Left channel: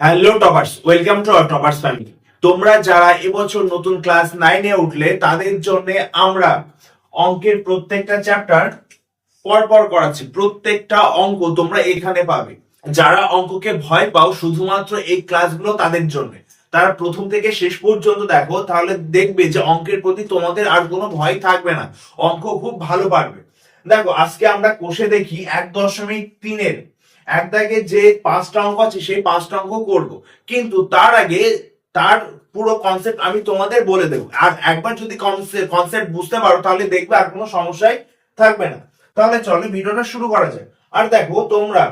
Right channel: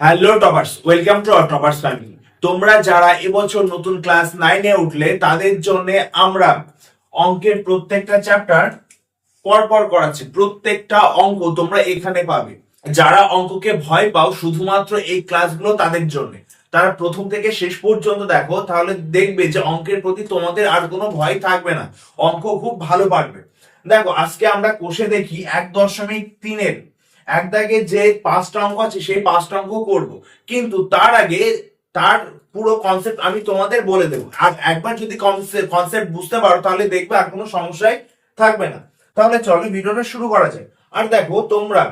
Hello toppers welcome to toppers family তোমরা যারা এবছর নতুন ক্লাস নাইনে উঠলে, তাদের জন্য আমরা অঙ্কের প্রত্যেকটা চ্যাপ্টার পরপর করাচ্ছি। প্রত্যেকটা অঙ্ক তোমরা এখানে পাবে। যারা অঙ্ককে ভয় পাও, শুধুমাত্র এই ক্লাসগুলো তাদের জন্য। তারা প্রথম থেকে শেষ পর্যন্ত দেখো, তাহলে দেখবে যে অঙ্কের প্রতি তোমাদের আর কোনো ভয় থাকবে না। অঙ্ক খুব ভালো পারবে। দেখো, আজকে আমরা কোষে দেখি এক দশমিক তিনের এক দাগে যে পাঁচটা অঙ্ক আছে, সেই পাঁচটা অঙ্ক করব। কিন্তু তার আগে তার পুরো কনসেপ্ট আমি তোমাদের বলে দেবো। আর একবার যদি কনসেপ্ট বুঝতে পারো, তাহলে দেখবে আর কোনো সমস্যাই থাকবে না। তাহলে চলো ভিডিওটা শুরু করা যায় আর দেখো, তোমরা,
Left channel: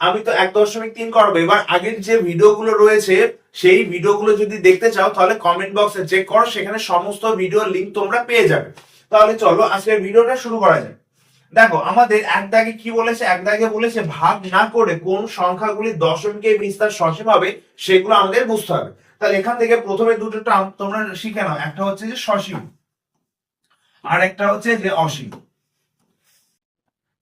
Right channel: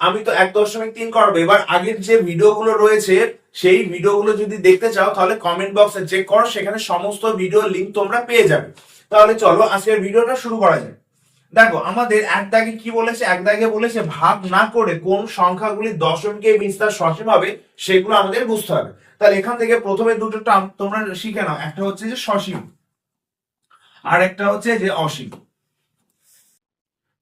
আমি তো এক দশমিক তিন করব। এবার আগের যে ভিডিওগুলো রয়েছে, সেই ভিডিওগুলো যদি দেখতে চাও, তাহলে কমেন্ট বক্সে চেক করো। সেখানে সমস্ত ভিডিও লিংক তোমরা পেয়ে যাবে। তাহলে চলো আজকের ভিডিওটা শুরু করা যায় দেখো, আমাদের এক দাগে কি বলেছে? এক দাগে বলেছে, ভাগ না করে কোন সংখ্যাগুলি দশমকে বিস্তার সসীম হবে, সেগুলো আমাদের বুঝতে হবে। তাহলে এখান থেকে প্রথমে দুটো টার্ম তোমরা শিখে নাও। একটা হচ্ছে যে সসীম আর একটা হচ্ছে যে অসীম।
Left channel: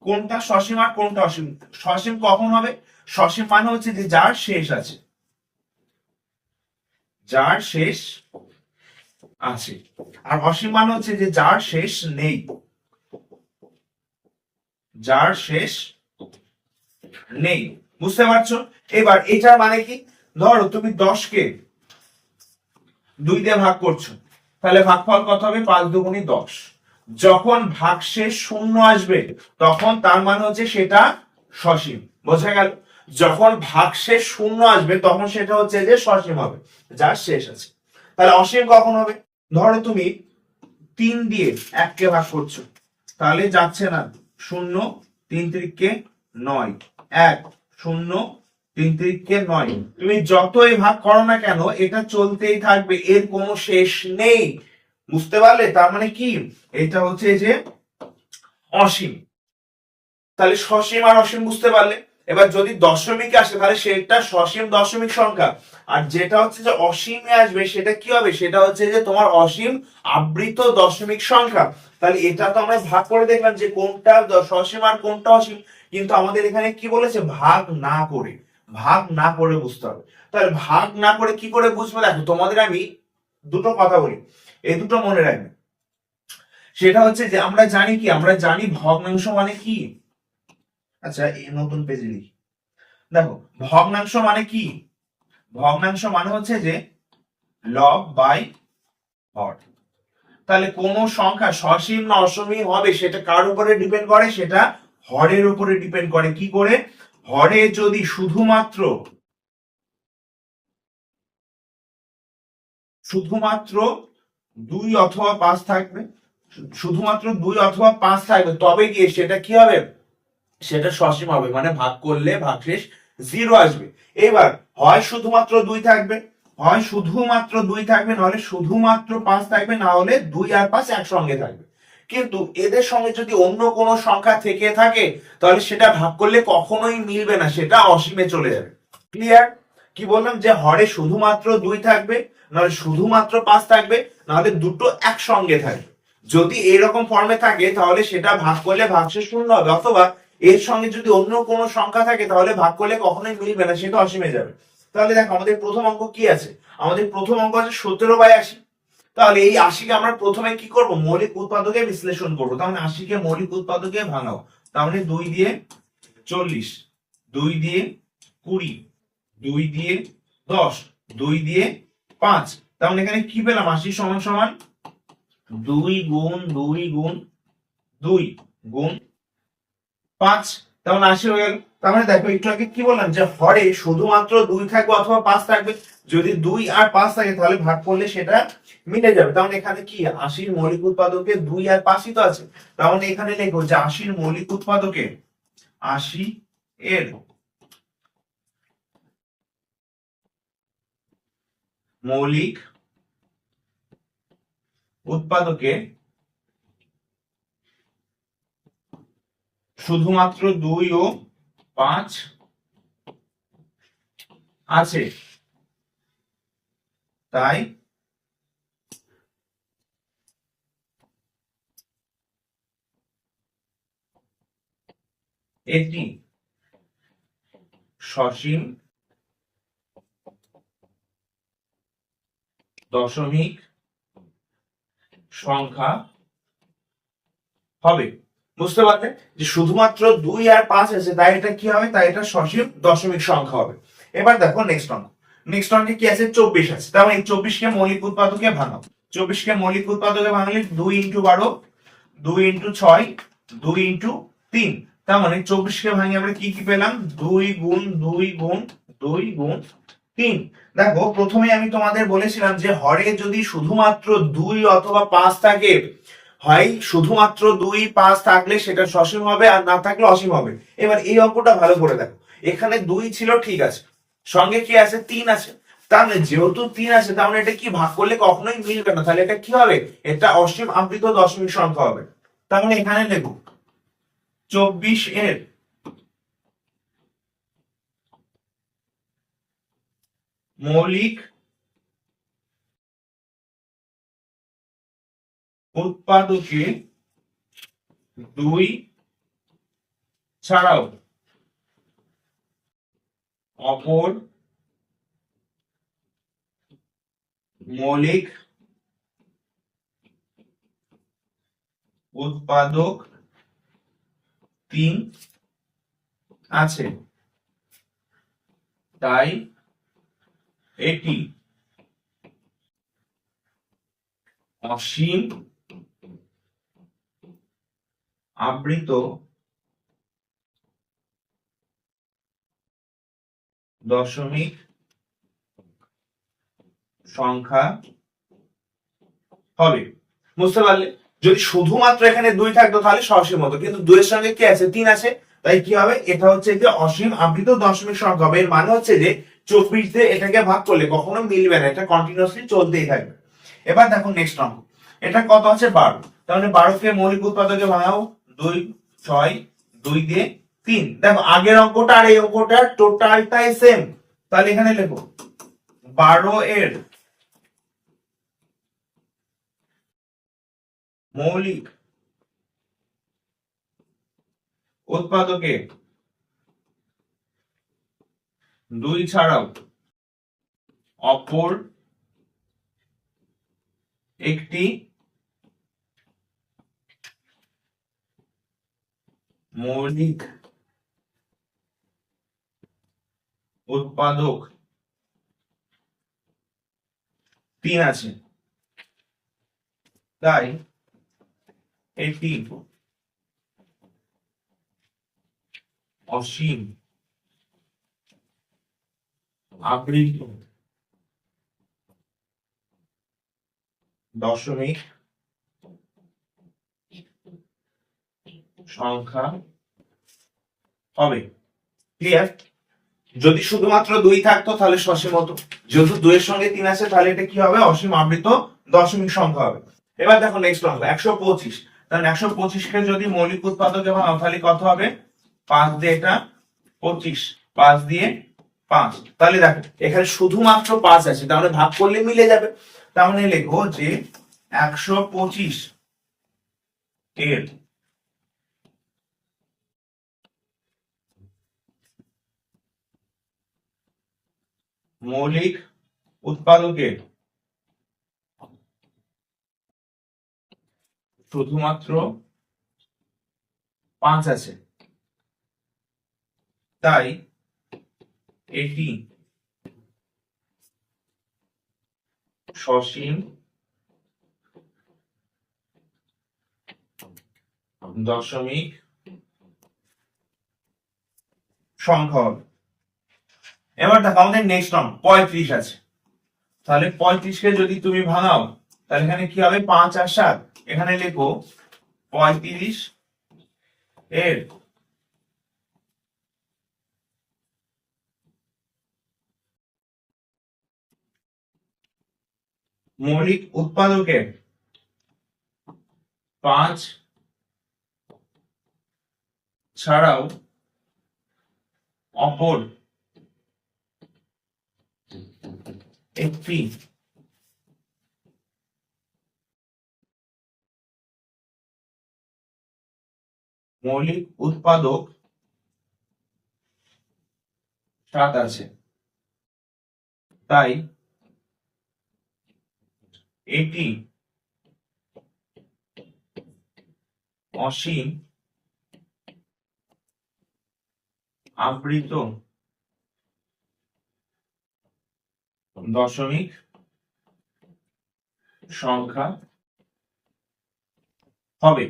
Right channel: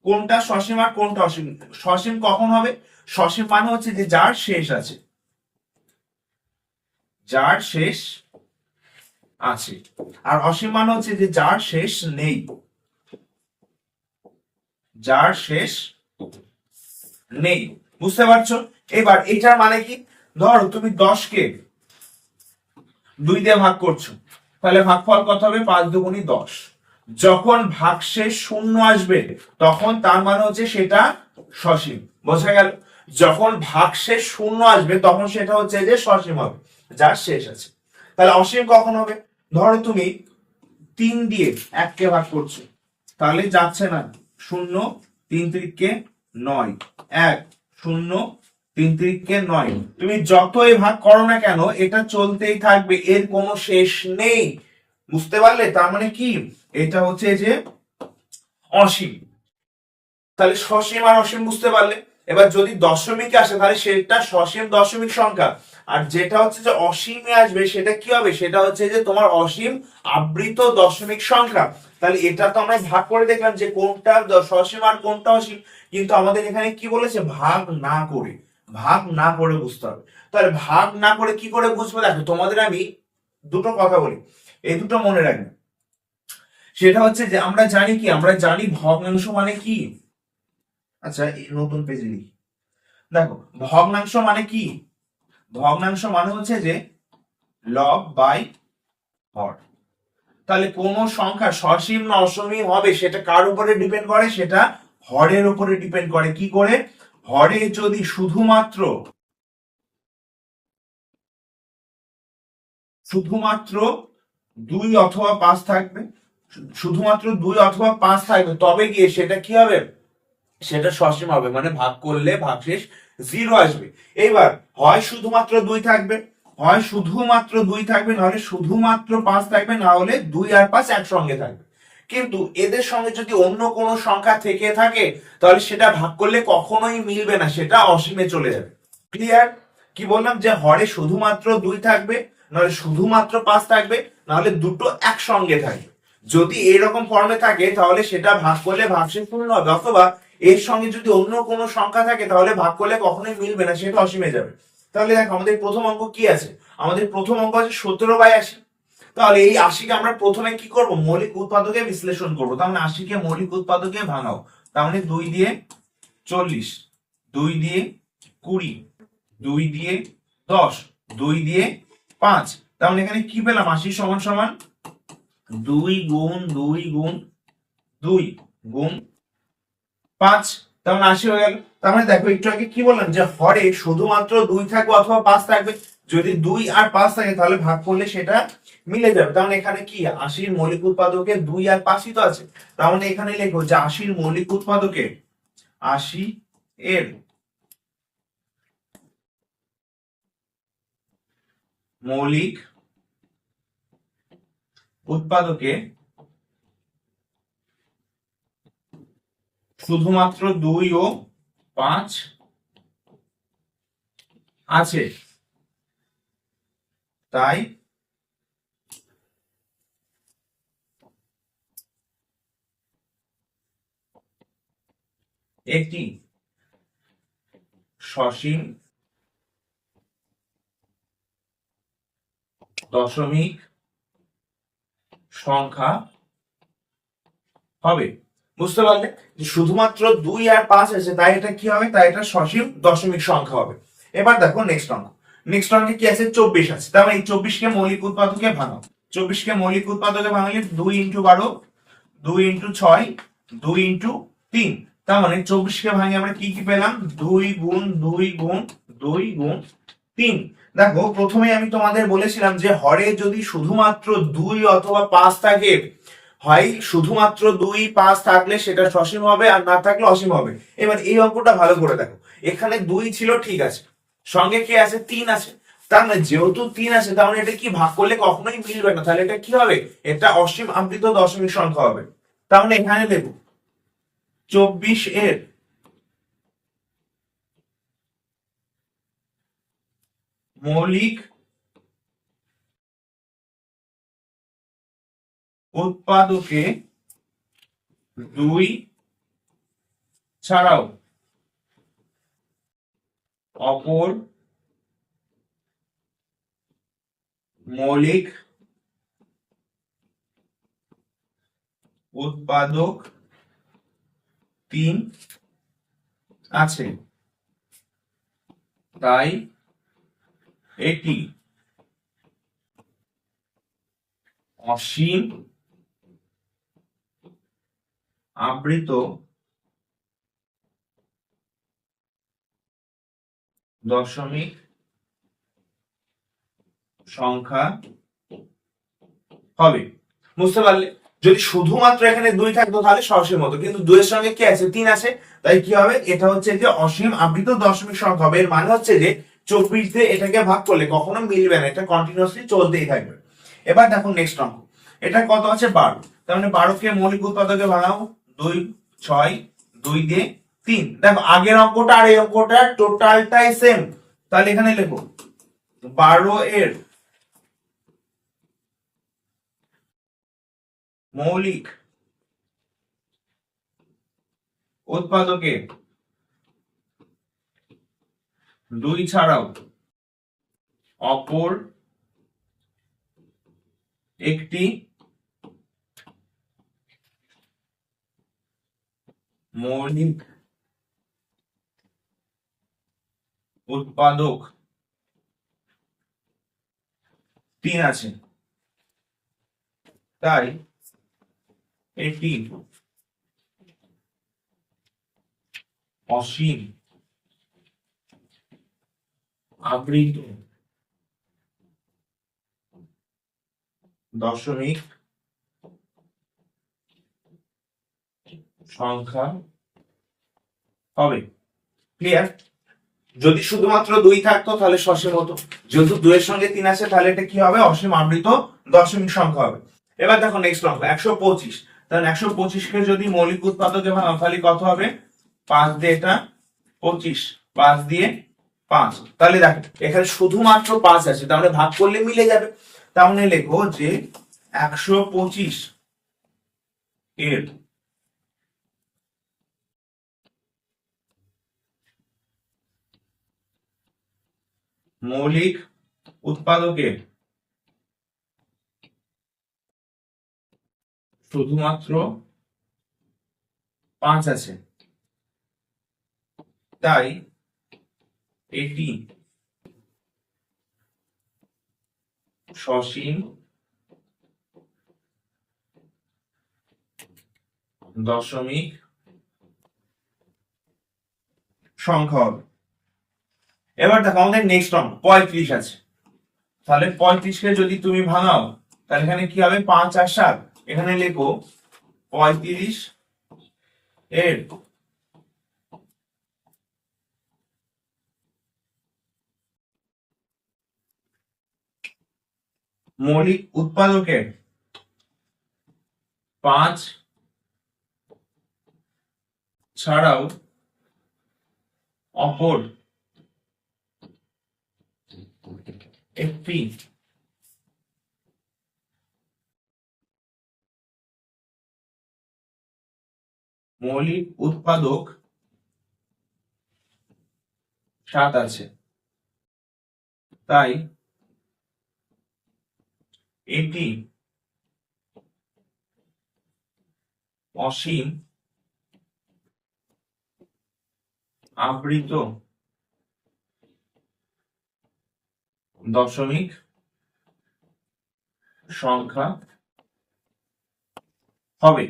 কোনটা সসীম আর কোনটা অসীম? সসীম কখন হবে? সসীম মানে হচ্ছে যে যার শেষ আছে। যার শেষ আছে। আর অসীম মানে হচ্ছে যে যার শেষ নেই। যার শেষ নেই। বুঝতে পারছ? এবার এটা মানে কি? ধরো তুমি দশকে দুই দিয়ে ভাগ করছ। তাহলে ভাগফল কত হবে? পাঁচ দুগুণী দশ। যখন ভাগশেষ শূন্য আসবে, তখন তার মানে হচ্ছে সেটা সসীম। বোঝা গেল? যখন ভাগশেষ শূন্য আসবে, তখন সেটা হচ্ছে যে সসীম হবে, যার শেষ আছে। তাহলে অসীম কখন হবে? ধরো তুমি তিন দিয়ে এককে ভাগ করছ। তাহলে যাচ্ছে না। শূন্য, তিন তিরিককে নয়। এক, শূন্য, তিন তিরিককে নয়। তুমি যতই ভাগ করো না কেন, এটা চলতেই থাকবে, এর কোনো শেষ নেই। বুঝতে পারলে? তার মানে কি? এটা হচ্ছে যে অসীম। তাহলে সসীম আর অসীম বুঝতে পারলে? এবার যদি দশমিক আসে, তাহলে সেটা সসীম দশমিক সংখ্যা। আর যেটা হচ্ছে যে অসীমে আসবে, সেটা কি হবে? সেটা হচ্ছে যে তোমার অসীম আবৃত দশমিক সংখ্যা। তাহলে এটা তো আমরা ভাগ করে দেখলাম যে কোনটা সসীম আর কোনটা অসীম। কিন্তু আমাদের এখানে কি বলেছে? ভাগ না করে। ভাগ না করে বুঝতে হবে। তাহলে ভাগ না করে কি করে বুঝবে? দেখো, তোমাদের আমি দুটো কথা বলি। এই দুটো মনে রাখবে। সেটা হচ্ছে যে আমরা জানি কি? আমরা জানি ভগ্নাংশ মানে কি? আচ্ছা নতুন পেজে লিখি। দেখো, ভগ্নাংশ মানে কি? ভগ্নাংশ মানে হচ্ছে যে লব বাই হর তাহলে কোন সংখ্যা সসীম না অসীম হবে, সেটা কার উপরে ডিপেন্ড করে? সেটা হরের উপরে ডিপেন্ড করে। কি করে? হরে যদি শুধুমাত্র শুধুমাত্র দুই অথবা পাঁচ থাকবে, শুধুমাত্র দুই অথবা পাঁচ থাকবে, তবে গিয়ে সেটা কি হবে? সেটা সসীম হবে মানে ভাগ করলে ভাগশেষ জিরো আসবে। এবার হয় শুধুমাত্র দুই থাকবে, হয় শুধুমাত্র দুই থাকবে, নাহলে শুধুমাত্র পাঁচ থাকবে, না হলে দুই আর পাঁচ একসঙ্গে থাকবে। কিন্তু এদের সঙ্গে যদি অন্য কোনো সংখ্যা থেকে থাকে, তাহলে সেটা ভাগ করলে কখনোই মিলবে না, সেটা অসীমে চলে যাবে। ক্লিয়ার কি বললাম? যে হরে শুধুমাত্র দুই থাকবে, নাহলে শুধুমাত্র পাঁচ থাকবে, নাহলে দুটো একসঙ্গে থাকবে। যদি এরকম ফর্মে থাকে, তাহলে সেটা ভাগ করলে ভাগশেষ শূন্য হবে, অথবা এর সঙ্গে যদি অন্য কোনো সংখ্যা থাকে, তাহলে ভাগ করলে কখনোই মিলবে না সেটা অসীমে যাবে। তাহলে দেখো, আমাদের প্রথম অঙ্ক কি আছে? আমাদের প্রথম অঙ্ক আছে সতেরো বাই আশি। তাহলে এই আশিকে আমরা প্রথমে কি করব? মৌলিক উৎপাদকে বিশ্লেষণ করব। তার মানে আশিকে মৌলিক উৎপাদকে ভাঙাও। তার মানে দুই দিয়ে চল্লিশ, দুই দিয়ে কুড়ি, দুই দিয়ে দশ, দুই দিয়ে পাঁচ। তার মানে এখানে কি পেলাম? আশি সমান সমান দুই গুণ দুই গুণ দুই গুণ পাঁচ তেমন আশি হয়ে গেল। তার মানে দেখো, একটু আগে কি বললাম যে হরে শুধুমাত্র দুই থাকবে অথবা পাঁচ থাকবে। যদি দুই আর পাঁচ থাকে, তাহলে ভাগ করলে সেটা মিলে যাবে। তার মানে এখানে কি? আশির মৌলিক উৎপাদকে দুই আর পাঁচই তো আছে। তার মানে এখানে লেখো যে আশির মৌলিক উৎপাদকে আশি এর মৌলিক উৎপাদকে শুধুমাত্র দুই ও পাঁচ আছে। তাই একটি সসীম দশমিক সংখ্যা হবে। বুঝতে পারলে? যে শুধুমাত্র দুই আর পাঁচ আছে, তাই এটা কি হবে? তাই এটা সসীম দশমিক সংখ্যা হবে। এবার দেখো নেক্সট অঙ্ক নেক্সট অঙ্কে কি আছে? চব্বিশ আছে। তার মানে এই চব্বিশকে মৌলিক উৎপাদকে ভাঙাও। চব্বিশকে মৌলিক উৎপাদকে ভাঙালে দুই ইন্টু বারো, দুই ইন্টু ছয়, দুই ইন্টু তিন। তার মানে চব্বিশকে ভাঙে আমরা কি কি পেলাম? দুই গুণ দুই গুণ দুই গুণ তিন। দেখো প্রথমে আমি তোমাদের বলেছিলাম যে হরে যদি শুধুমাত্র দুই অথবা পাঁচ থাকে হয় শুধুমাত্র দুই, পাঁচ থাকলে সেটা সসীম হবে আর না থাকলে অসীম হবে। এবার এই অঙ্কটা ভালো করে দেখো। এখানে দুই ছিল, ঠিক আছে। সঙ্গে কি আছে? তিন আছে। তার মানে যেহেতু তিন আছে, তার মানে এটা কি ভাগ করলে কখনোই মিলবে না। তাহলে এটা কি হবে? এটা অসীম আবৃত দশমিক সংখ্যা হবে। তার মানে এখানে দেখো, চব্বিশ এর মৌলিক উৎপাদকে দুই ছাড়াও অপর মৌলিক উৎপাদক তিন আছে। তাই এটি অসীম আবৃত দশমিক সংখ্যা হবে। বুঝতে পারলে? যদি শুধুমাত্র এখানে দুই থাকতো তাহলে সসীম হতো কিন্তু দুইয়ের সঙ্গে কি আছে? তিন আছে। তাই কি হবে? এটা হচ্ছে যে অসীম আবৃত দশমিক সংখ্যা হবে। এর মানে হচ্ছে যে চব্বিশ দিয়ে এটাকে ভাগ করলে কখনো মিলবে না। এটা কন্টিনিউসলি চলতেই থাকবে। এবার দেখো নেক্সট অঙ্ক। এটা কত আছে? বারো। তার মানে বারোকে মৌলিক উৎপাদকে বানাও দুই, ছয়, দুই দিয়ে তিন। দেখো, আগের অঙ্কটা আর এই অঙ্কটা টোটালটাই সেম তাহলে এখানে লেখো, বারো এর মৌলিক উৎপাদকে দুই ছাড়াও অপর একটি মৌলিক উৎপাদক তিন আছে। তাই এটি অসীম আবৃত দশমিক সংখ্যা হবে। ক্লিয়ার যদি শুধুমাত্র দুই থাকতো, তাহলে সসীম হতো। যেহেতু দুইয়ের সঙ্গে তিন আছে, তাহলে এটা কি হবে? অসীম আবৃত দশমিক সংখ্যা হবে। এবার দেখো নেক্সট অঙ্ক একশো পঁচিশ। তাহলে একশো পঁচিশকে যদি মৌলিক উৎপাদকে ভাঙাও তাহলে কত হবে? পাঁচ দিয়ে এটা পঁচিশ, পাঁচ দিয়ে পাঁচ। তাহলে দেখো, এখানে শুধুমাত্র পাঁচ আছে তাহলে ভাগ করলে মিলে যাবে। তাহলে লেখো যে একশো পঁচিশ এর মৌলিক উৎপাদকের শুধুমাত্র পাঁচ আছে। তাই এটি সসীম দশমিক সংখ্যা হবে। এবার দেখো, আমাদের নেক্সট অঙ্ক পঁয়ত্রিশ আছে। তাহলে পঁয়ত্রিশকে যদি তুমি ভাঙাও, তাহলে এখানে কি হবে? পাঁচ আর সাত। এখানে লেখো, পঁয়ত্রিশ এর মৌলিক উৎপাদকের পাঁচ ছাড়াও অপর একটি মৌলিক উৎপাদক সাত আছে। তাই এটি অসীম আবৃত দশমিক সংখ্যা হবে।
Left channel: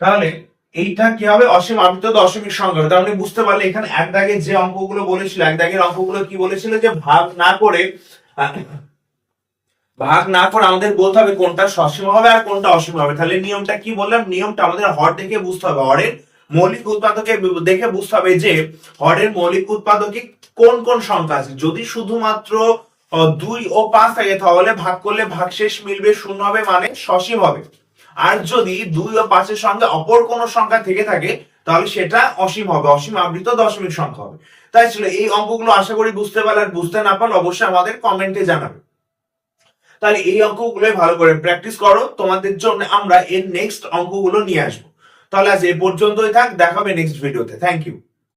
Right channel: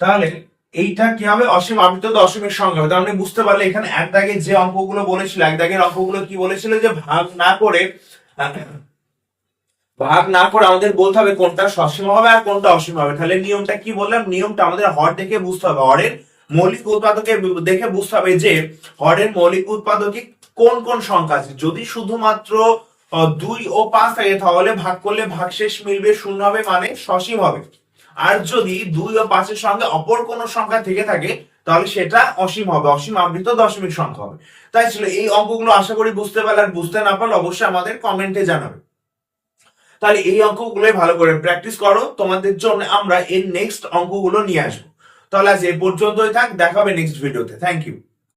তাহলে এইটা কি হবে? অসীম আবৃত দশমিক সংখ্যা হবে। তাহলে বুঝতে পারলে এখানে এক দাগে যে অঙ্কগুলো বলেছিল, এক দাগের অঙ্কগুলো কি বলেছিল যে ভাগ না করে, ভাগ না করে আমাদের বলতে হবে কোনটা সসীম হবে আর কোনটা অসীম হবে। তাহলে নিয়মটা কি বললাম? নিয়মটা আমাদের হর দেখে বুঝতে হবে। হরের মৌলিক উৎপাদকে দেখে বুঝতে হবে যে হরের মৌলিক উৎপাদকে কোন কোন সংখ্যা আছে। যদি শুধুমাত্র দুই ও পাঁচ থাকে, তাহলে ভাগ করলে ভাগশেষ মিলবে শূন্য হবে মানে সসীম হবে। আর যদি দুই ও পাঁচের সঙ্গে অপর কোন সংখ্যা থেকে থাকে, তাহলে সেটা অসীম হবে, অসীম আবৃত দশমিক সংখ্যা হবে। তাই ছিল, এই অঙ্কগুলো আশা করি বুঝতে পারলে আর বুঝতে না পারলে অবশ্যই আমাদের কমেন্টে জানাবে। তাহলে এই অঙ্কগুলোই ভালো করে প্র্যাকটিস করো, তোমাদের জন্য আমরা এর নেক্সট অঙ্কগুলো নিয়ে আসব। তাহলে আজ এ পর্যন্তই থাক দেখাবে নেক্সট ভিডিওতে থ্যাংক ইউ